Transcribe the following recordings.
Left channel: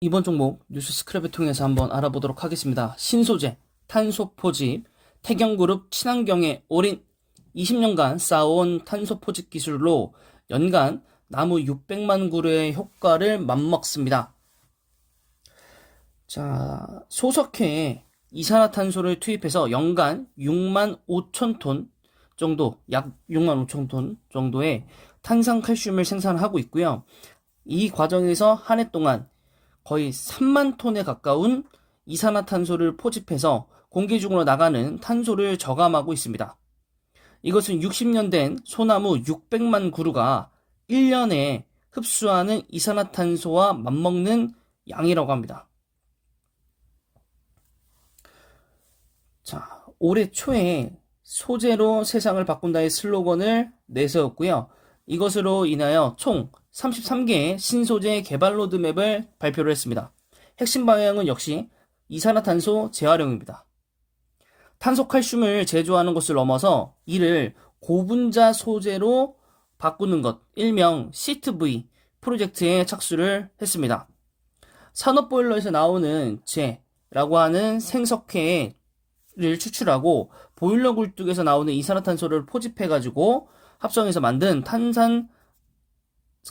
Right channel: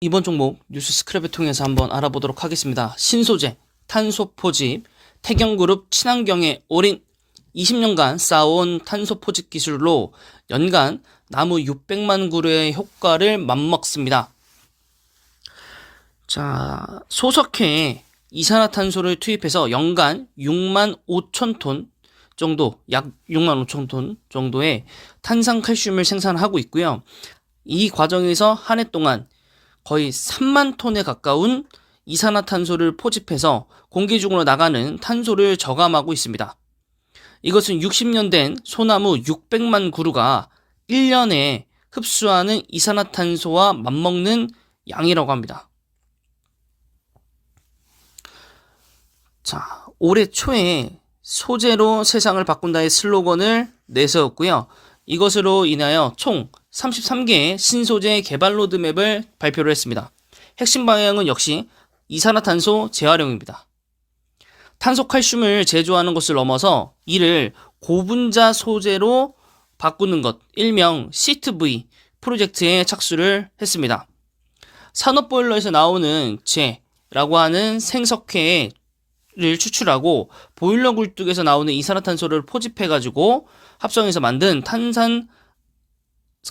이번 종목 뉴스 스크랩을 통해서 한번 알아보도록 하겠습니다. 신소재, 탄소 포집, 태경그룹 친환경에 올인 20년간 쌓아온 탄소 포집 기술로 연간 나무 600만 그루의 효과를 맛먹습니다. 자, 소석회에 이산화탄소를 투입해서 연간 6만 5천 톤 정도, 약 6만 5천 톤 정도의 탄산칼슘을 생산하고 있고요. 이 과정에서 한 해 동안 거의 3만 톤에 가까운 이산화탄소를 포집해서 공기 중으로 나가는 탄소를 저감하고 있습니다. 이것은 60년 된 소나무 600만 그루가 1년에 흡수하는 이산화탄소와 맞먹는 양이라고 합니다. 자, 올해 초에 소재로 세상을 바꾼다의 슬로건을 내세웠고요. 이것으로 인하여 총 33개의 신소재 개발 로드맵을 발표를 했습니다. 핵심 방향은 역시 이산화탄소 재활용입니다. 탄소 칼슘을 제조하는 것을 넘어서 이를 고분자 소재로 바꾸는 것, 일명 시트V 프로젝트에 착수를 했습니다. 산업보일러에서 나오는 재라고 하는 생석회를 추출하고 보일러 굴뚝에서 나오는 이산화탄소를 포집해가지고 합성해서 만든 탄산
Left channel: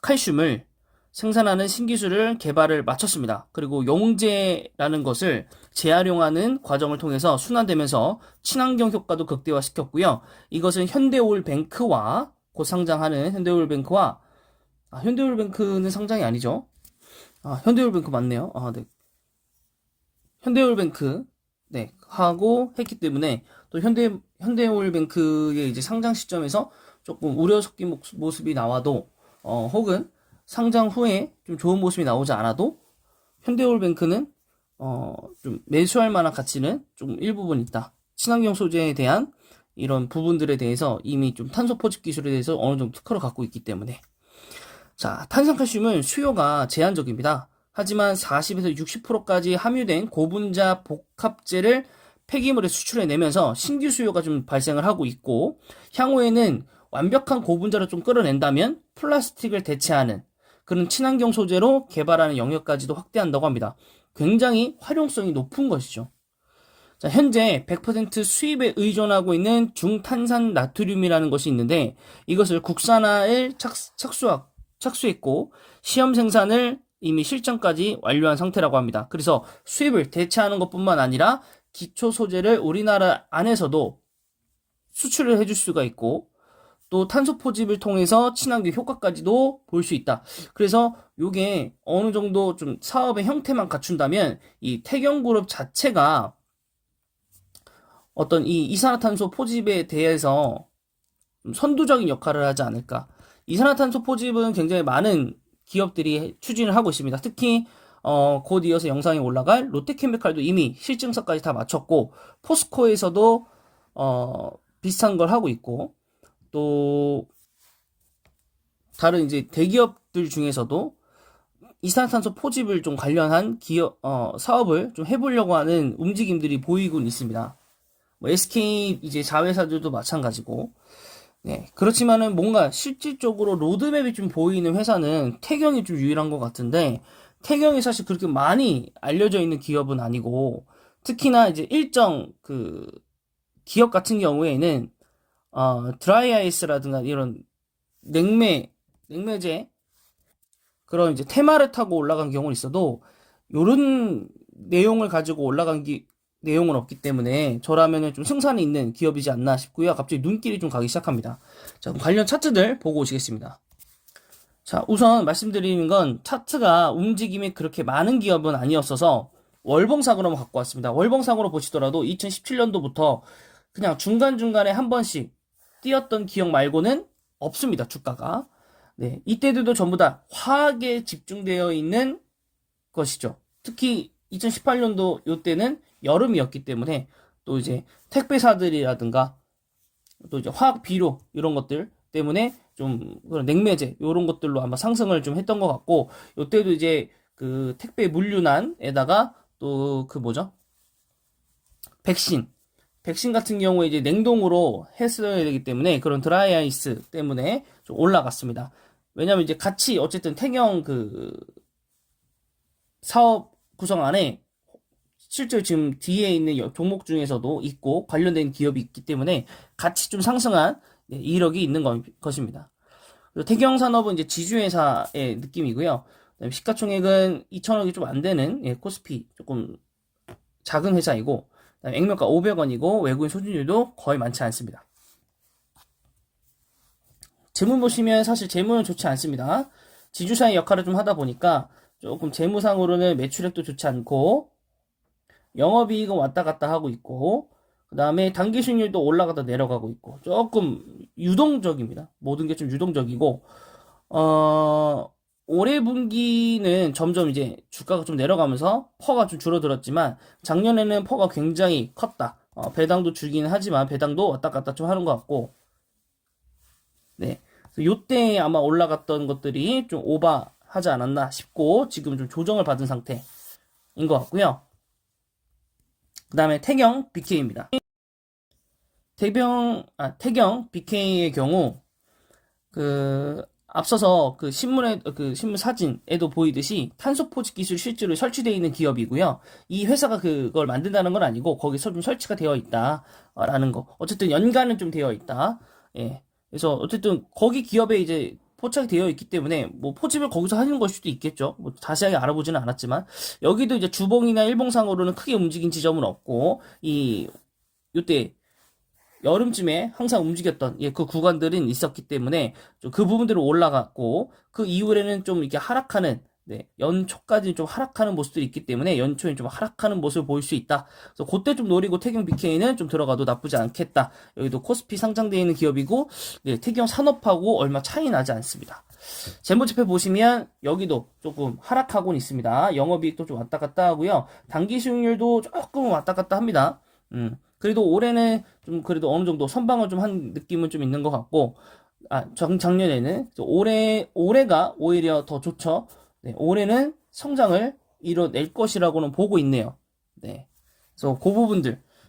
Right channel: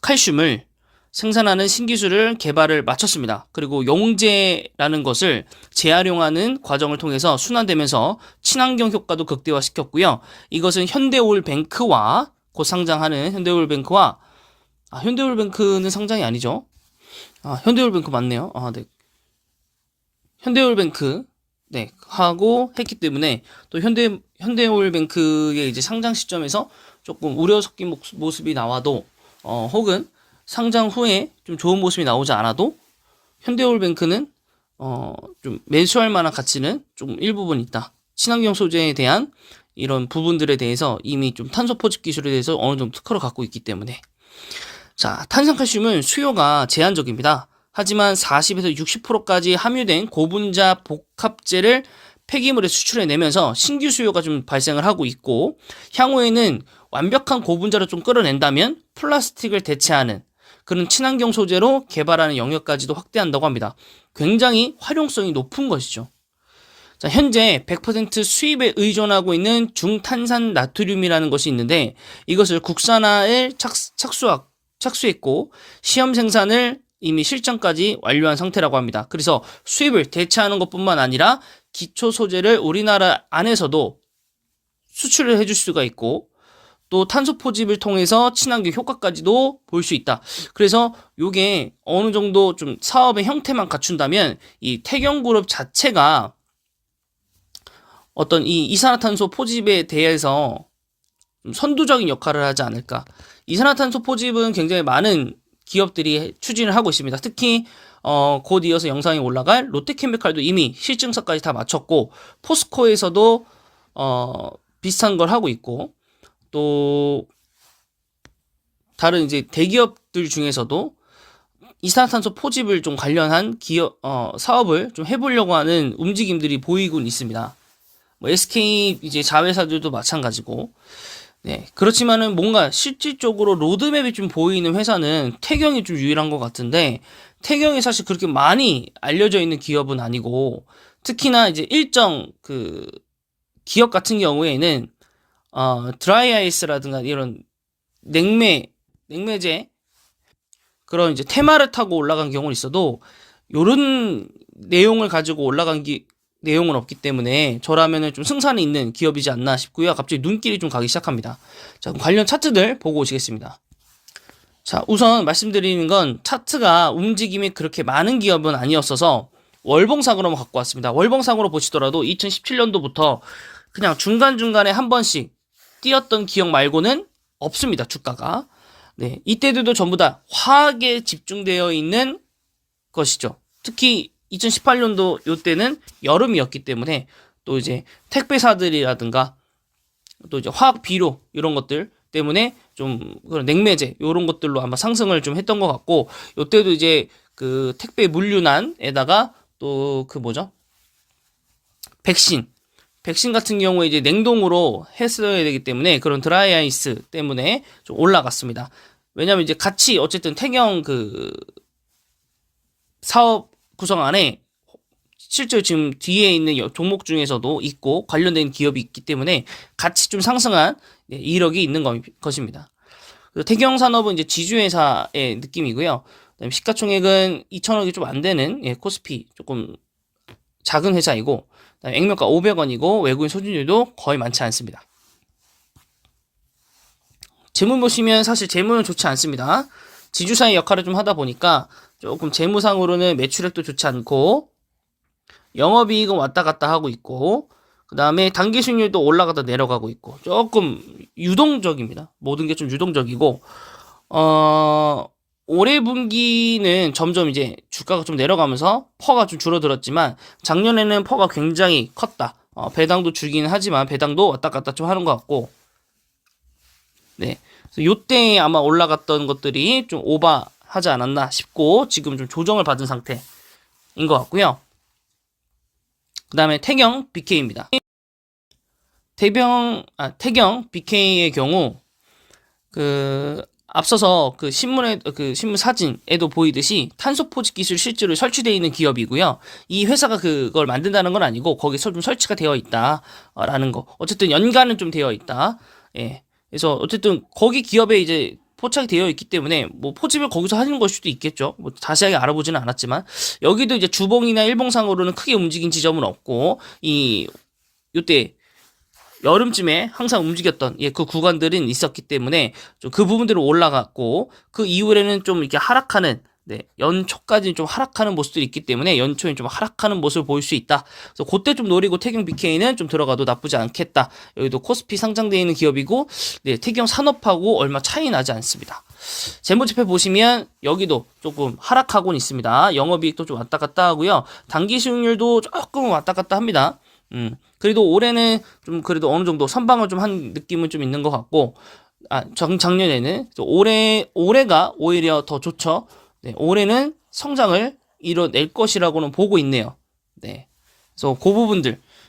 칼슘을 생산하는 신기술을 개발을 마쳤습니다. 그리고 용제라는 것을 재활용하는 과정을 통해서 순환되면서 친환경 효과도 극대화시켰고요. 이것은 현대올뱅크와 곧 상장하는 현대올뱅크와 현대올뱅크는 상장이 아니죠. 현대올뱅크 맞네요. 네. 현대올뱅크 하고 했기 때문에 또 현대올뱅크의 이제 상장 시점에서 조금 우려 섞인 모습이 나와도 혹은 상장 후에 좀 좋은 모습이 나오지 않아도 현대올뱅크는 좀 매수할 만한 가치는 좀 일부분 있다. 친환경 소재에 대한 이런 부분들에 대해서 이미 좀 탄소 포집 기술에 대해서 어느 정도 특허를 갖고 있기 때문에 자, 탄산칼슘은 수요가 제한적입니다. 하지만 40에서 60%까지 함유된 고분자 복합재를 폐기물에 수출해내면서 신규 수요가 좀 발생을 하고 있고 향후에는 완벽한 고분자를 좀 끌어낸다면 플라스틱을 대체하는 그런 친환경 소재로 개발하는 영역까지도 확대한다고 합니다. 굉장히 활용성이 높은 것이죠. 자, 현재 100% 수입에 의존하고 있는 중탄산 나트륨이라는 것이 있는데 이것을 국산화에 착수했고 시험 생산을 이미 실전까지 완료한 상태라고 합니다. 그래서 수입을 대체하는 것뿐만 아니라 기초 소재를 우리나라 안에서도 수출을 해줄 수가 있고 또 탄소 포집을 통해서 친환경 효과까지도 볼 수 있다. 그래서 이게 어느 정도 좀 사업의 형태만 갖춘다면 이 태경그룹 자체가 어떤 이 이산화탄소 포집에 대해서 좀 선두적인 역할을 하지 않을까. 이산화탄소 포집은 굉장히 많은 기업들이 추진을 하고 있습니다. 특히 곧 이어서 영상에 올라갈 롯데케미칼도 이미 실증서까지 다 마쳤고 포스코에서도 비슷한 걸 하고 있고 또 다른 이제 대기업들 중에서도 이산화탄소 포집을 좀 관련한 기업 사업을 좀 해보려고 하는 움직임들이 보이곤 있습니다. 뭐 SK 이제 자회사들도 마찬가지고. 네, 그렇지만은 뭔가 실질적으로 로드맵이 좀 보이는 회사는 태경이 좀 유일한 것 같은데 태경이 사실 그렇게 많이 알려져 있는 기업은 아니고 특히나 이제 일정 그 기업 같은 경우에는 드라이 아이스라든가 이런 냉매제 그런 이제 테마를 타고 올라간 경우는 있어도 요런 내용을 가지고 올라간 내용은 없기 때문에 저라면은 좀 승산이 있는 기업이지 않나 싶고요. 갑자기 눈길이 좀 가기 시작합니다. 자, 그럼 관련 차트들 보고 오시겠습니다. 자, 우선 말씀드리는 건 차트가 움직임이 그렇게 많은 기업은 아니었어서 월봉상으로 한번 갖고 왔습니다. 월봉상으로 보시더라도 2017년도부터 그냥 중간중간에 한 번씩 뛰었던 기억 말고는 없습니다. 주가가. 네, 이때들도 전부 다 화학에 집중되어 있는 것이죠. 특히 2018년도 요때는 여름이었기 때문에 또 이제 택배사들이라든가 또 이제 화학 비료 이런 것들 때문에 좀 그런 냉매제 이런 것들로 아마 상승을 좀 했던 것 같고 요때도 이제 그 택배 물류난에다가 또 그 뭐죠? 백신 같은 경우에 이제 냉동으로 했어야 되기 때문에 그런 드라이 아이스 때문에 좀 올라갔습니다. 왜냐면 이제 같이 어쨌든 태경 그 사업 구성 안에 실제로 지금 뒤에 있는 종목 중에서도 있고 관련된 기업이 있기 때문에 같이 좀 상승한 이력이 있는 것입니다. 태경산업은 이제 지주회사의 느낌이고요. 그다음에 시가총액은 2천억이 좀 안 되는 코스피 조금 작은 회사이고, 그다음에 액면가 500원이고 외국인 소진율도 거의 많지 않습니다. 재무 보시면 사실 재무는 좋지 않습니다. 지주사의 역할을 좀 하다 보니까 조금 재무상으로는 매출액도 좋지 않고 영업이익은 왔다 갔다 하고 있고, 그 다음에 단기 수익률도 올라가다 내려가고 있고 조금 유동적입니다. 모든 게 좀 유동적이고, 올해 분기는 점점 이제 주가가 좀 내려가면서 퍼가 좀 줄어들었지만 작년에는 퍼가 굉장히 컸다. 배당도 주긴 하지만 배당도 왔다 갔다 좀 하는 것 같고, 네, 요때 아마 올라갔던 것들이 좀 오버하지 않았나 싶고 지금 좀 조정을 받은 상태인 것 같고요. 그 다음에 태경 BK입니다. 태경 BK의 경우 앞서서 신문 사진에도 보이듯이 탄소 포집 기술 실제로 설치되어 있는 기업이고요. 이 회사가 그걸 만든다는 건 아니고 거기서 좀 설치가 되어 있다라는 거. 어쨌든 연관은 좀 되어 있다. 예. 그래서 어쨌든 거기 기업에 이제 포착이 되어 있기 때문에 뭐 포집을 거기서 하는 걸 수도 있겠죠. 뭐 자세하게 알아보지는 않았지만 여기도 이제 주봉이나 일봉상으로는 크게 움직인 지점은 없고 요때 여름쯤에 항상 움직였던 그 구간들은 있었기 때문에 좀 그 부분들은 올라갔고 그 이후에는 좀 이렇게 하락하는 연초까지는 좀 하락하는 모습들이 있기 때문에 연초엔 좀 하락하는 모습을 보일 수 있다. 그래서 그때 좀 노리고 태경 BK는 좀 들어가도 나쁘지 않겠다. 여기도 코스피 상장되어 있는 기업이고 태경 산업하고 얼마 차이 나지 않습니다. 재무제표 보시면 여기도 조금 하락하고는 있습니다. 영업이익도 좀 왔다 갔다 하고요. 단기 수익률도 조금 왔다 갔다 합니다. 그래도 올해는 좀 그래도 어느 정도 선방을 좀 한 느낌은 좀 있는 것 같고, 작년에는 올해가 오히려 더 좋죠. 네, 올해는 성장을 이뤄낼 것이라고는 보고 있네요. 네, 그래서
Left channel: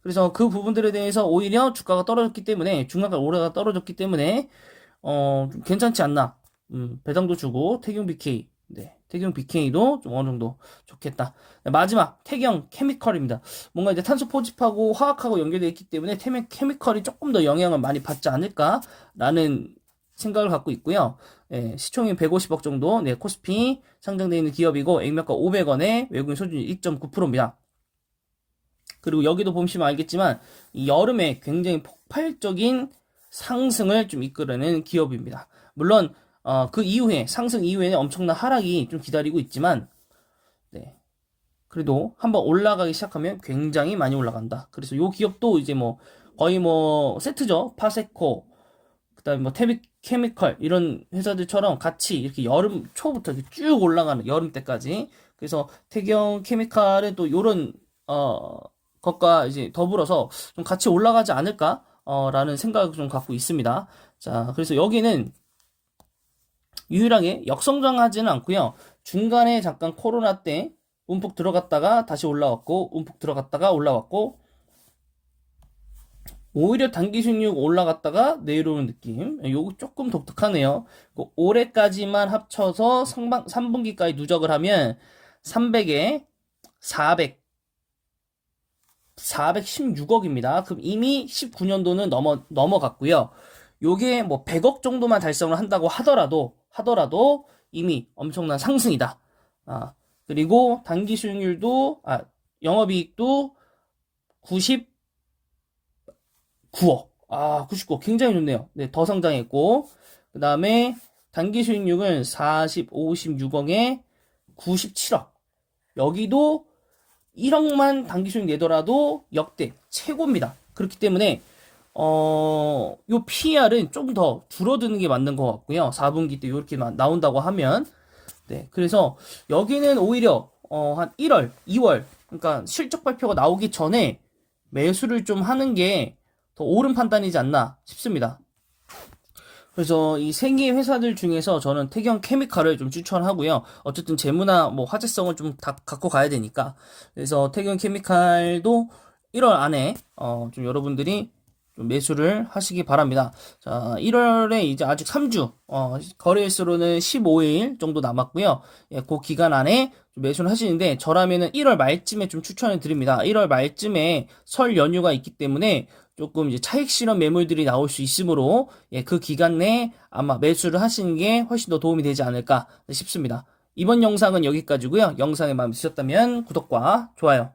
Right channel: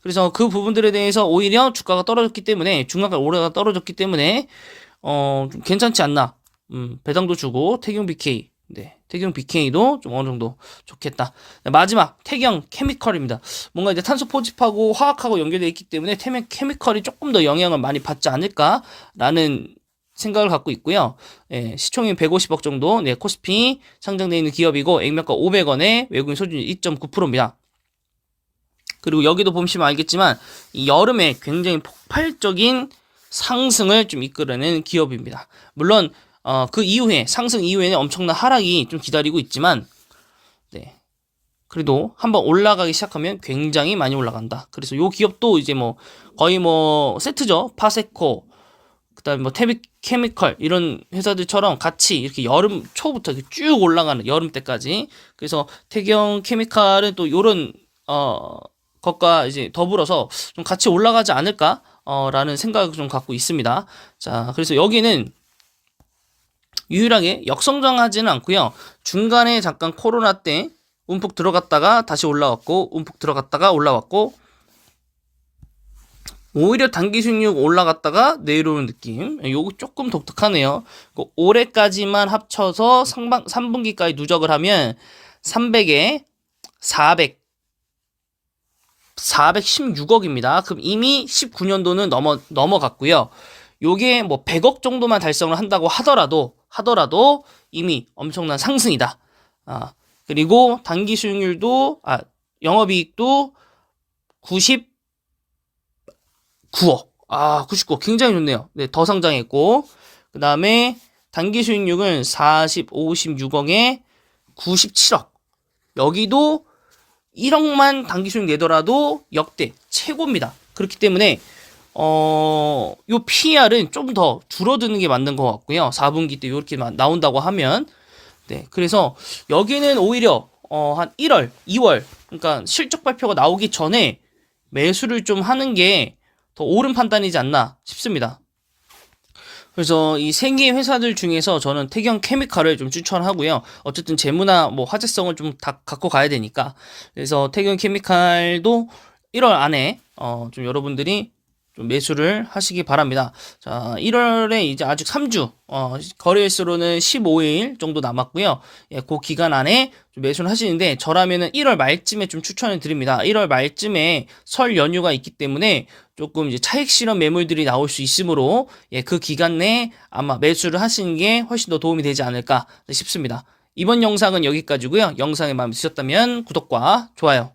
그래서 그 부분들에 대해서 오히려 주가가 떨어졌기 때문에 중간가 올해가 떨어졌기 때문에 좀 괜찮지 않나. 배당도 주고 태경 BK. 네, 태경 BK도 좀 어느 정도 좋겠다. 마지막 태경 케미컬입니다. 뭔가 이제 탄소 포집하고 화학하고 연결되어 있기 때문에 케미컬이 조금 더 영향을 많이 받지 않을까라는 생각을 갖고 있고요. 시총이 150억 정도, 코스피 상장되어 있는 기업이고 액면가 500원에 외국인 소진율 2.9%입니다. 그리고 여기도 보시면 알겠지만 이 여름에 굉장히 폭발적인 상승을 좀 이끌어낸 기업입니다. 물론 그 이후에 상승 이후에는 엄청난 하락이 좀 기다리고 있지만 그래도 한번 올라가기 시작하면 굉장히 많이 올라간다. 그래서 요 기업도 이제 뭐 거의 뭐 세트죠. 파세코 그다음에 뭐 케미컬 이런 회사들처럼 같이 이렇게 여름 초부터 이렇게 쭉 올라가는 여름 때까지. 그래서 태경 케미칼은 또 요런 것과 이제 더불어서 좀 같이 올라가지 않을까 라는 생각을 좀 갖고 있습니다. 자, 그래서 여기는 유일하게 역성장하지는 않고요. 중간에 잠깐 코로나 때 움푹 들어갔다가 다시 올라왔고 움푹 들어갔다가 올라왔고 오히려 단기 수익률 올라갔다가 내려오는 느낌. 요거 조금 독특하네요. 올해까지만 합쳐서 3분기까지 누적을 하면 300에 416억입니다. 그럼 이미 19년도는 넘어갔고요. 요게 뭐 100억 정도만 달성을 한다고 하더라도 이미 엄청난 상승이다. 그리고 단기 수익률도 영업이익도 99억. 99억 굉장히 좋네요. 네, 더 상장했고 그 다음에 단기 수익률은 56억에 97억. 여기도 1억만 단기 수익 내더라도 역대 최고입니다. 그렇기 때문에 요 PER은 좀 더 줄어드는 게 맞는 것 같고요. 4분기 때 이렇게 나온다고 하면 그래서 여기는 오히려 한 1월, 2월 그러니까 실적 발표가 나오기 전에 매수를 좀 하는 게 더 옳은 판단이지 않나 싶습니다. 그래서 이 세 개의 회사들 중에서 저는 태경 케미칼을 좀 추천하고요. 어쨌든 재무나 뭐 화제성을 좀 다 갖고 가야 되니까. 그래서 태경 케미칼도 1월 안에 좀 여러분들이 좀 매수를 하시기 바랍니다. 자, 1월에 이제 아직 3주, 거래일수로는 15일 정도 남았고요. 예, 그 기간 안에 좀 매수를 하시는데, 저라면은 1월 말쯤에 좀 추천을 드립니다. 1월 말쯤에 설 연휴가 있기 때문에 조금 이제 차익 실현 매물들이 나올 수 있으므로, 예, 그 기간 내에 아마 매수를 하시는 게 훨씬 더 도움이 되지 않을까 싶습니다. 이번 영상은 여기까지고요. 영상이 마음에 드셨다면 구독과 좋아요